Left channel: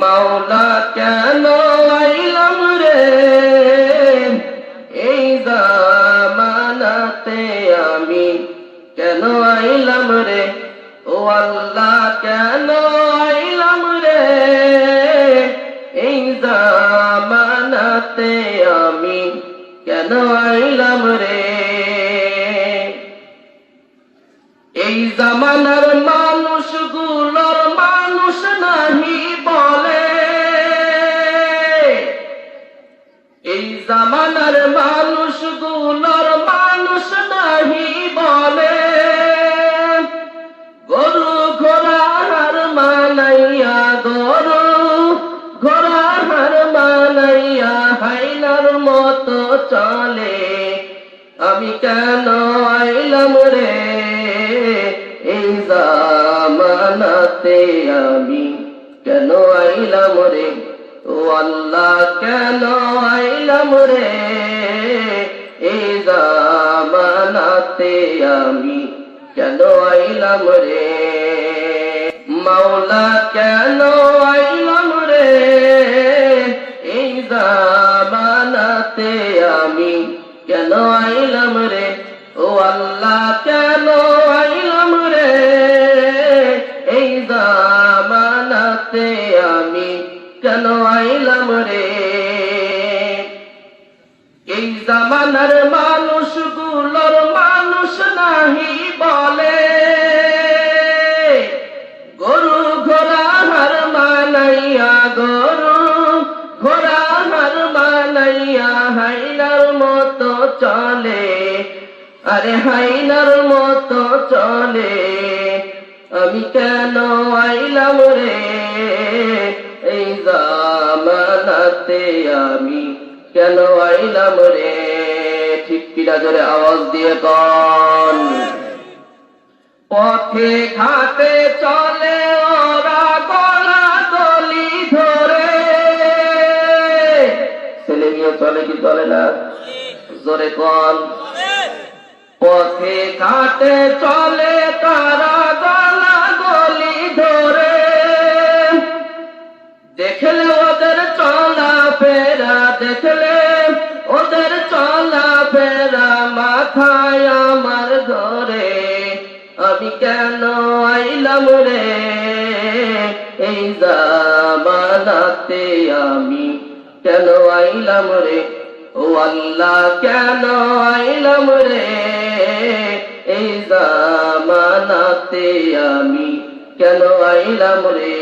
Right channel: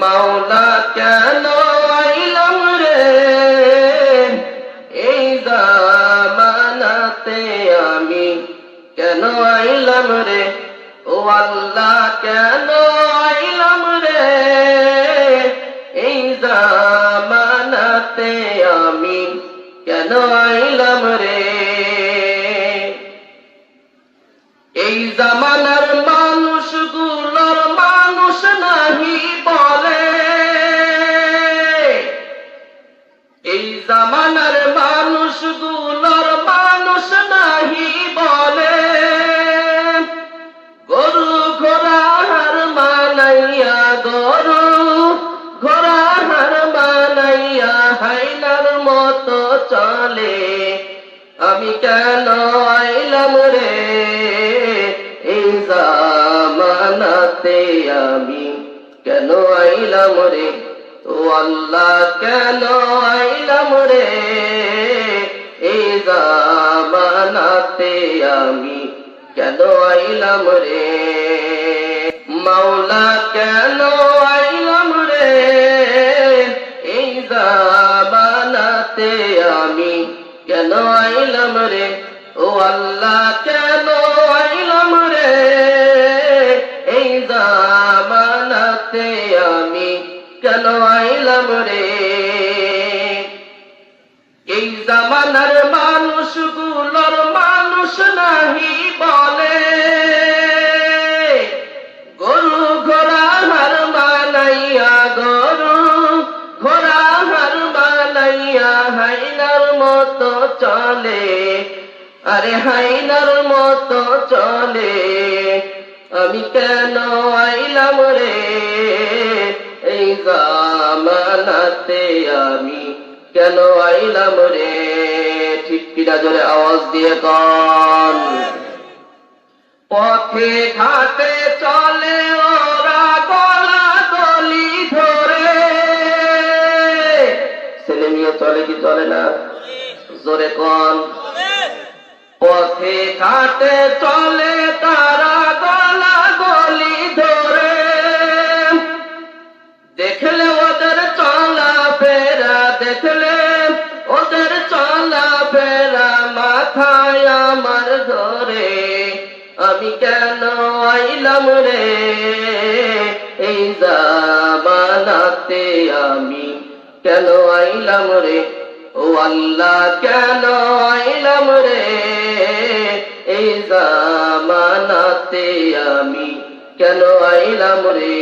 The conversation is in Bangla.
মাওলা কেন আইলাম রে এই জামানাতে আমি, কেন আইলাম রে ও আল্লাহ, কেন আইলাম রে এই জামানাতে আমি, কেন আইলাম রে। এই জামানার মানুষগুলোর মানুষ নাহি বলে, এই জামানার মানুষগুলোর মানুষ নাহি বলে, গরু ঘোড়া হার মানাইয়া, গরু ঘোড়া হার মানাইয়া হাইনার মতো চলে। আমি কেন আইলাম রে এই জামানাতে আমি, কেন আইলাম রে ও আল্লাহ, কেন আইলাম রে এই জামানাতে আমি, কেন আইলাম রে। মাওলা কেন আইলাম রে এই জামানাতে আমি, কেন আইলাম রে ও আল্লাহ, কেন আইলাম রে এই জামানাতে আমি, কেন আইলাম রে। এই জামানার মানুষগুলোর মানুষ নাহি বলে, গরু ঘোড়া হার বানাইয়া, গরু ঘোড়া হার বানাইয়া হাইনার মতো চলে। আরে হাইনার মতো চলে। আমি কেন আইলাম রে এই জামানাতে আমি, কেন আইলাম রে। ঠিক কিনা জোরে আওয়াজ দিয়ে কন। পথে ঘাটে চলে ওরা গলা দলি ধরে, ছেলে নিয়ে চলে কি চলে না? জোরে কন। পথে ঘাটে চলে তারা গলা গলি ধরে, দেখলে ওদের চলা ফেরা, দেখলে ওদের চলা ফেরা মাথায় আমার ধরে। আমি কেন আইলাম রে এই জামানাতে আমি, কেন আইলাম রে ও আল্লাহ, কেন আইলাম রে এই জামানাতে আমি, কেন আইলাম রে।